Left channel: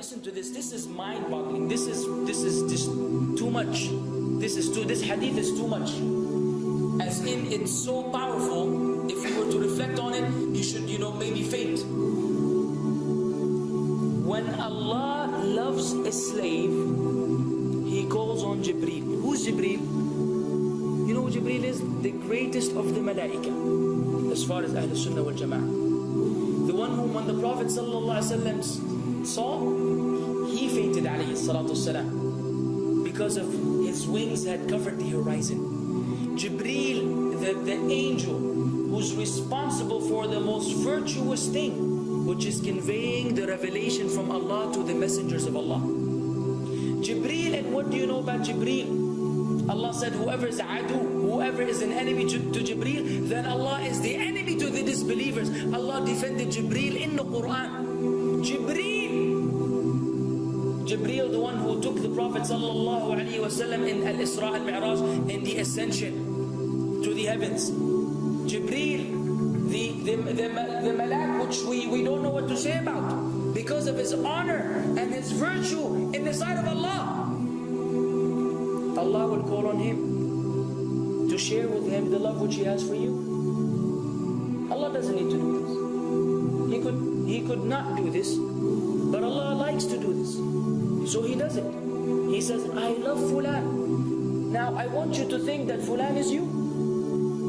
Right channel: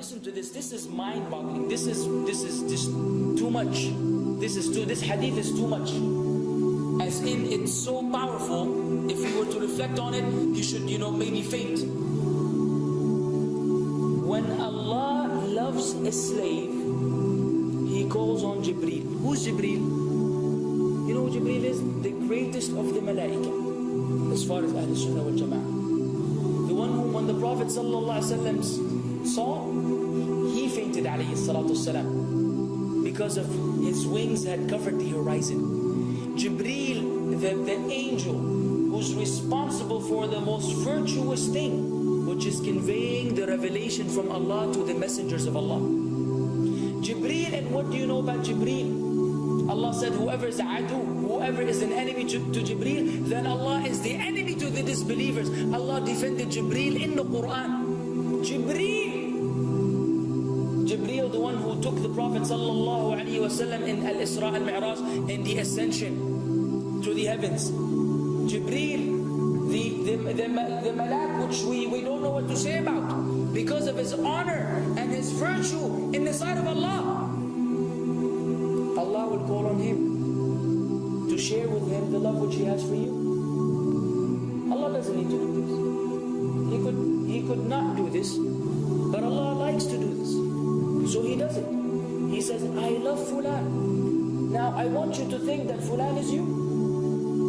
listen to this. This is mind-boggling. This is just too much. This hadith is too much. As in, it's so powerful. If you were to reflect on it, you should, maybe faint. When Allah loves a slave, He calls on Jibreel. Who's Jibreel? You know who Jibreel is? The greatest of the malaika, as far as Ahl Sunnah wal Jama'ah. The one whom when the Prophet ﷺ saw, he fainted alayhi salatu wasalam, because of his wings had covered the horizon. Jibreel, the angel who's responsible for the most virtuous thing, which is conveying the revelation from Allah to the messengers of Allah. Jibreel, and what do you know about Jibreel? Allah said, whoever is adu, whoever is an enemy to Jibreel, then Allah is the enemy to the disbelievers. Allah defended Jibreel in the Quran. Jibreel, the one who took the Prophet ﷺ in Al-Isra al-Mi'raj, in the ascension to the heavens. Jibreel, the malak, which we don't know what to say about, because of his honor and his virtue in the sight of Allah. Allah will call on him to share with him the love which He has for you. Allah doesn't need to do this. He could not do this, but Allah likes to do this, so He does it. He says, I love Fulan. Now I want you to think that Fulan is you.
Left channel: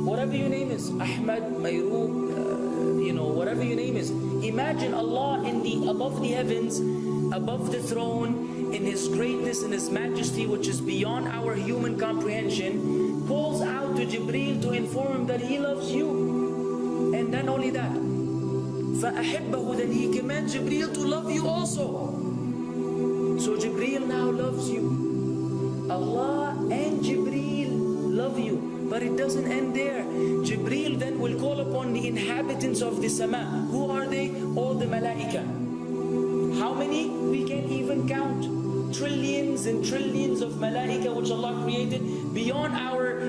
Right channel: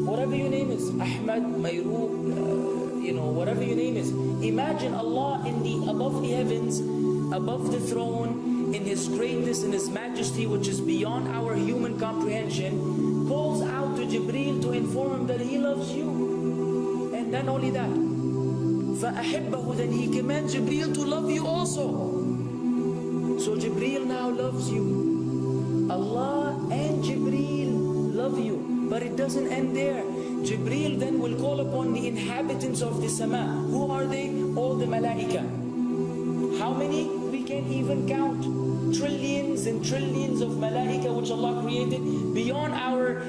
Whatever your name is, Ahmad, Mayroob, whatever your name is. Imagine Allah above the heavens, above the throne, in His greatness and His majesty, which is beyond our human comprehension, calls out to Jibreel to inform him that He loves you. And then only that, فَأَحِبَّهُ, then He commands Jibreel to love you also. So Jibreel now loves you. Allah and Jibreel love you. But it doesn't end there. Jibreel then will call upon the inhabitants of the sama. Who are they? All the malaika. How many? We can't even count. Trillions and trillions of malaika which Allah created beyond our,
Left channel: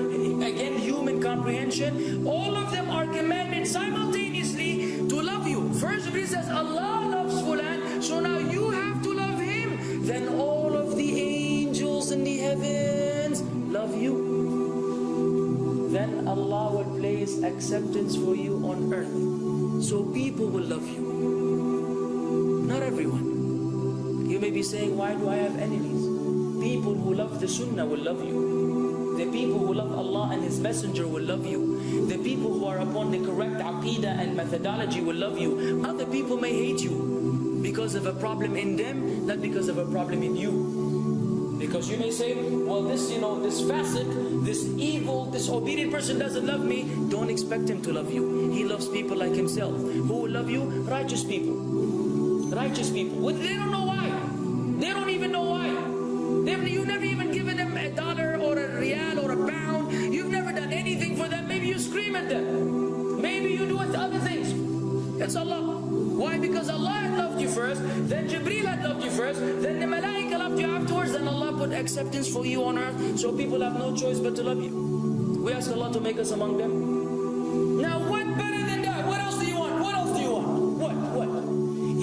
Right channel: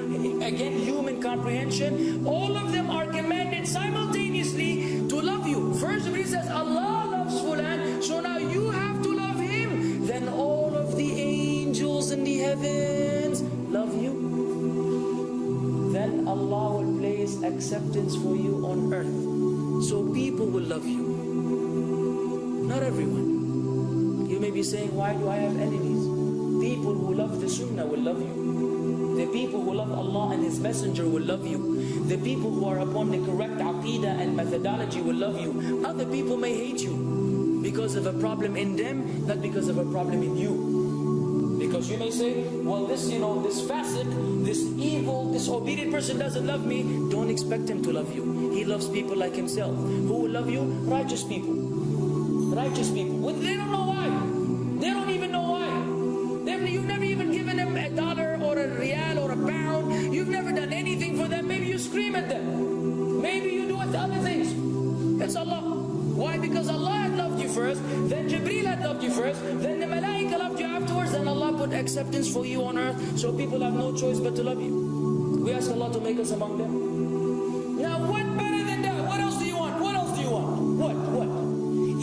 again, human comprehension. All of them are commanded simultaneously to love you. First Jibreel says, Allah loves Fulan, so now you have to love him. Then all of the angels in the heavens love you. Then Allah will place acceptance for you on earth. So people will love you. Not everyone. You may be saying, why do I have enemies? People who love the Sunnah will love you. The people who love Allah and His Messenger will love you. The people who are upon the correct aqidah and methodology will love you. Other people may hate you because of a problem in them, not because of a problem in you. Because you may say, well, this fasiq, this evil, disobedient person doesn't love me. Don't expect him to love you. He loves people like himself. Who will love you? Righteous people. Righteous people. They don't know why. They don't even know why. You've never even given them $1 or a riyal or a pound. You've never done anything for them. Maybe you scream at them. Maybe you do other things. It's Allah. Why? Because Allah had loved you first, then Jibreel had loved you first, then the malaika loved you afterwards, then Allah put acceptance for you on earth, so people have no choice but to love you. We ask Allah to make us among them. Now what better than that? What else do you want? What else do you want? What?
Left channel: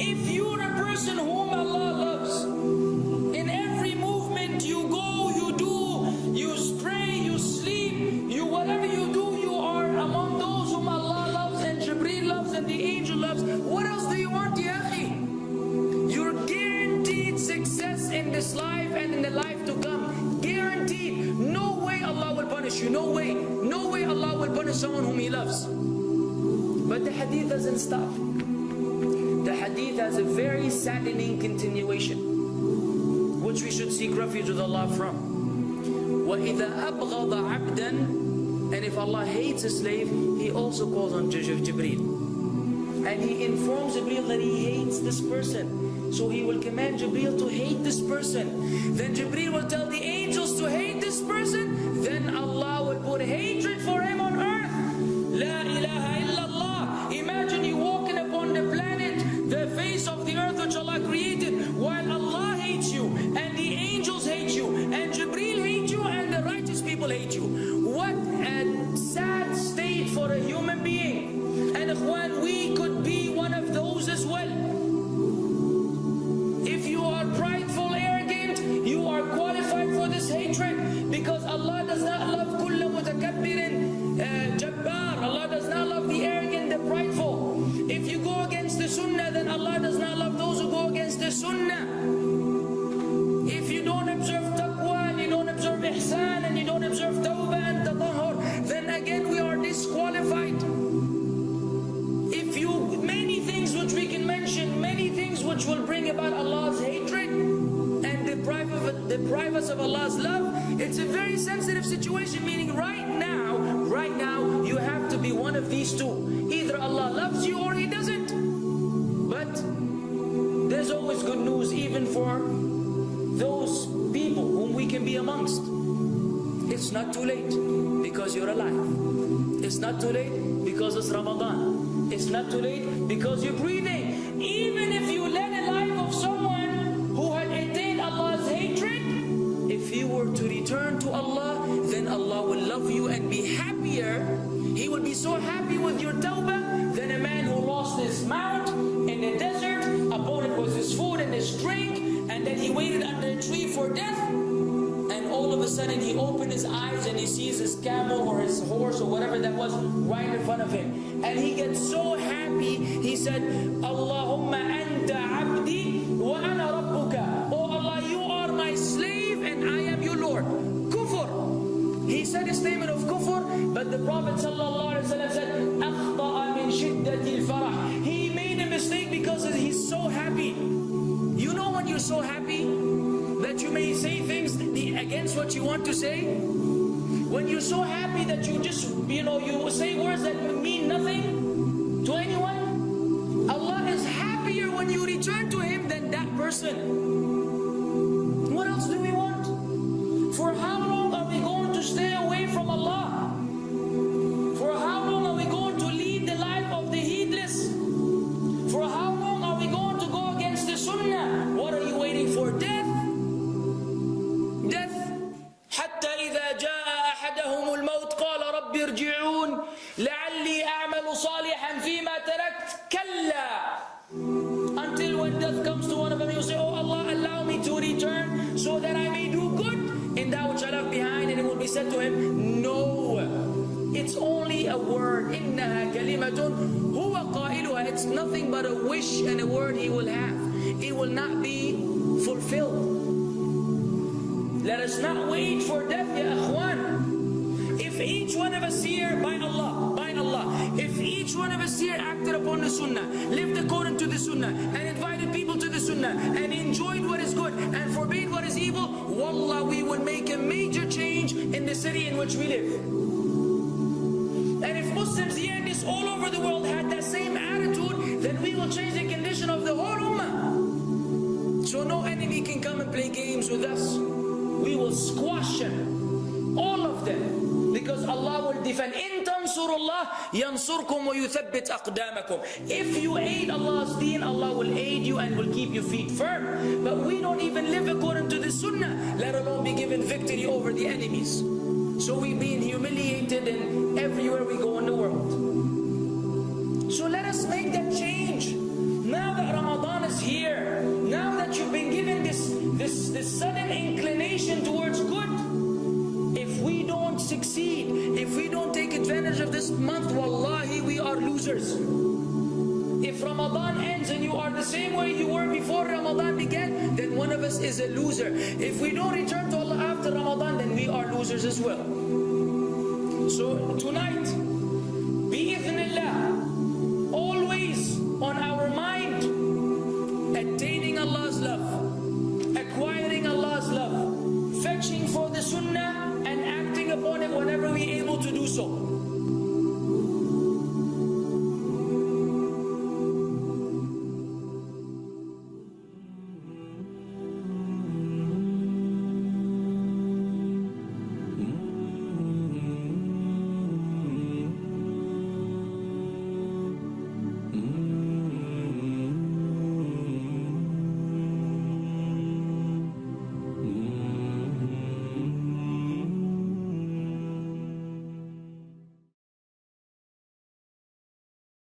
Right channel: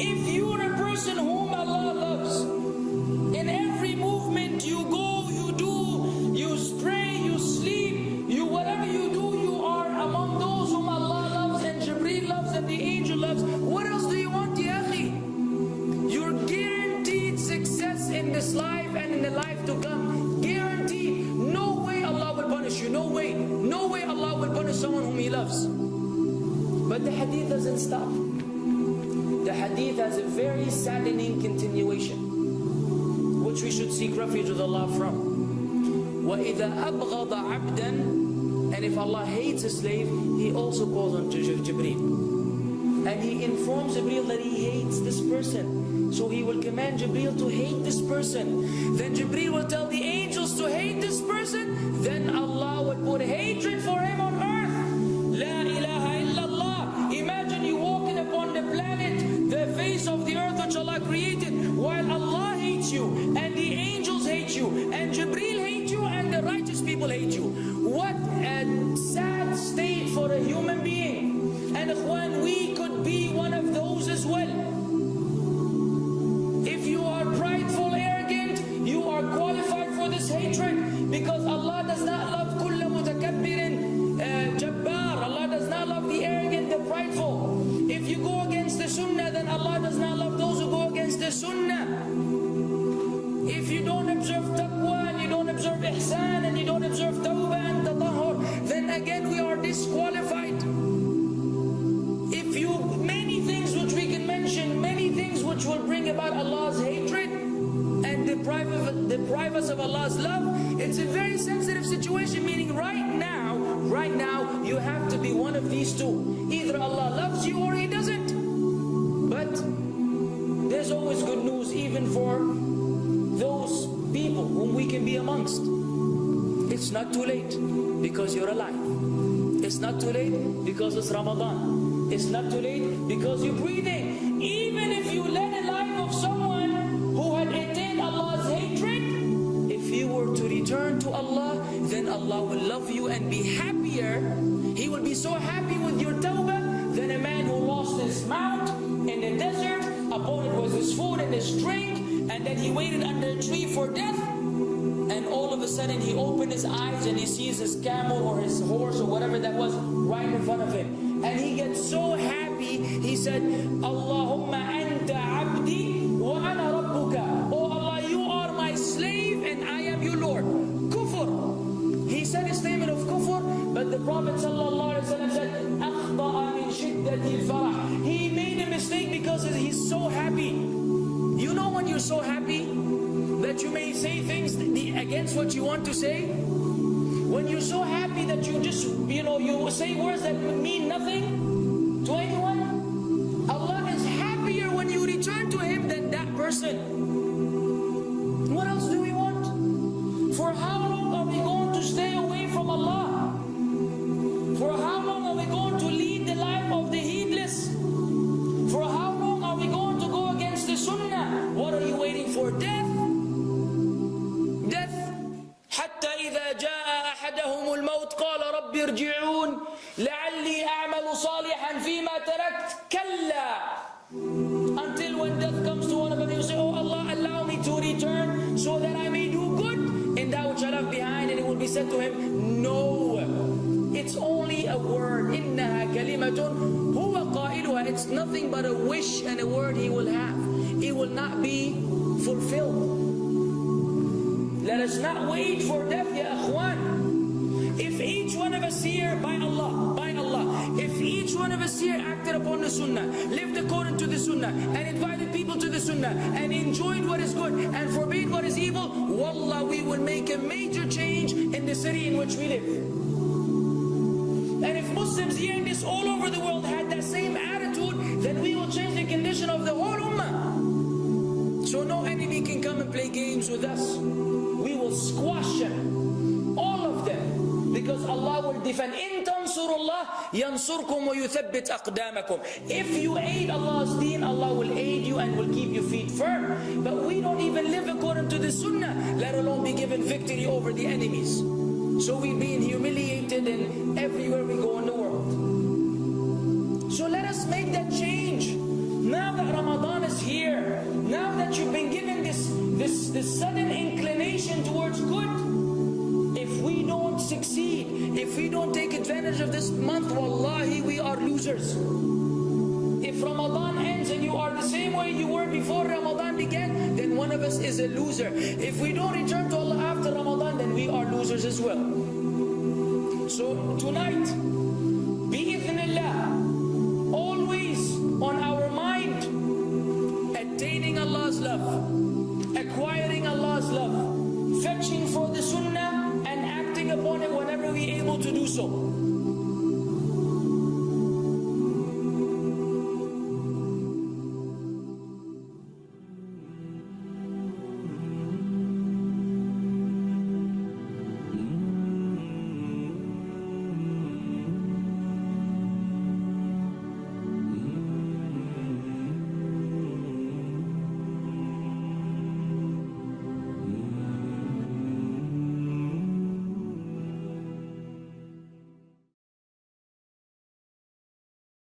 If you're a person whom Allah loves, in every movement you go, you do, you pray, you sleep, whatever you do, you are among those whom Allah loves and Jibreel loves and the angel loves. What else do you want, ya akhi? You're guaranteed success in this life and in the life to come. Guaranteed. No way Allah will punish you. No way. No way Allah will punish someone whom He loves. But the hadith doesn't stop. The hadith has a very saddening continuation, which we should seek refuge with Allah from. وَإِذَا أَبْغَضَ عَبْدًا, and if Allah hates a slave, He also calls on Jibreel. And He informs Jibreel that He hates this person. So He will command Jibreel to hate this person. Then Jibreel will tell the angels to hate this person. Then Allah will put hatred for him on earth. La ilaha illallah. Imagine you walking upon the planet, the face of the earth which Allah created, while Allah hates you, and the angels hate you, and Jibreel hates you, and the righteous people hate you. What a sad state for a human being. And ikhwan, we could be one of those as well. If you are are prideful, arrogant, you are qualified for this hatred, because Allah does not love kulla mutakabbirin jabbar. Allah does not love the arrogant, the prideful. If you go against the sunnah, then Allah does not love those who go against the sunnah. If you don't observe taqwa, and you don't observe ihsan, and you don't observe tawbah and tatahur, then again we are disqualified. If you, many things which we can mention, many things which will bring about Allah's hatred and deprive us of Allah's love. It's a very sensitive situation, meaning right now, you have to be one of these two. Either Allah loves you or He doesn't. But there's always good news, even for those people whom we can be amongst. It's not too late because you're alive. It's not too late because it's Ramadan. It's not too late because you're breathing. Even if you led a life of someone who had attained Allah's hatred, if you were to return to Allah, then Allah will love you and be happier. He will be so happy with your tawbah than a man who lost his mount in the desert. Upon it was his food and his drink, and then he waited under a tree for death. And all of a sudden he opened his eyes and he sees his camel or his horse or whatever that was right in front of him. And he gets so happy, he said, Allahumma anta abdi wa ana rabbuka. Oh Allah, you are my slave and I am your Lord. Kufr. He said a statement of kufr, but the Prophet ﷺ said, أَخْطَأَ مِنْ شِدَّةِ الْفَرَحِ. He made a mistake because he's so happy. You know when you're so happy that you may say things against what you want to say? When you're so happy that you just, you say words that mean nothing to anyone? Allah is happier when you return to Him than that person. What else do we want? For how long are we going to stay away from Allah? For how long are we going to lead the life of the heedless? For how long are we going to go against the sunnah? What are you waiting for? Death? Death. حتى إذا جاء أحدهم الموت قال رب ارجعون لعلي أعمل صالحا فيما تركت كلا. Until when death comes to one of them, you say, oh Allah, allow me to return so that I may do good in that which I left behind. And it will be said to him, no, it's only a word. إنها كلمة هو قائلها. It's nothing but a wish and a word he will have. It will not be fulfilled. Let us not wait for death, ya akhwan. If each one of us here, by Allah, if each one of us here acted upon the sunnah, lived according to the sunnah, and invited people to the sunnah, and enjoyed what is good, and forbade what is evil, wallah, we will make a major change in the city in which we live. And if Muslims hearing this all over the world had that same attitude, then we will change the condition of the whole ummah. So no enemy can come and play games with us. We will squash them, all of them, because Allah will defend. إِن تَنْصُرُ اللَّهِ يَنْصُرْكُمْ وَيُثَبِّتْ أَقْدَامَكُمْ. If you aid Allah's deen, Allah will aid you and will keep your feet firm. But we don't even live according to the sunnah, let alone be given victory over the enemies. So we're being humiliated in everywhere we go in the world. So let us make that change. Now that Ramadan is here, now that you've been given this sudden inclination towards good, if we don't succeed, if we don't take advantage of this month, wallahi, we are losers. If Ramadan ends and you are the same way you were before Ramadan began, then one of us is a loser. If we don't return to Allah after Ramadan, then we are losers as well. So tonight, bi'idhnillah, always on our mind, attaining Allah's love, acquiring Allah's love, fetching for the sunnah and acting upon it whenever we're able to do so.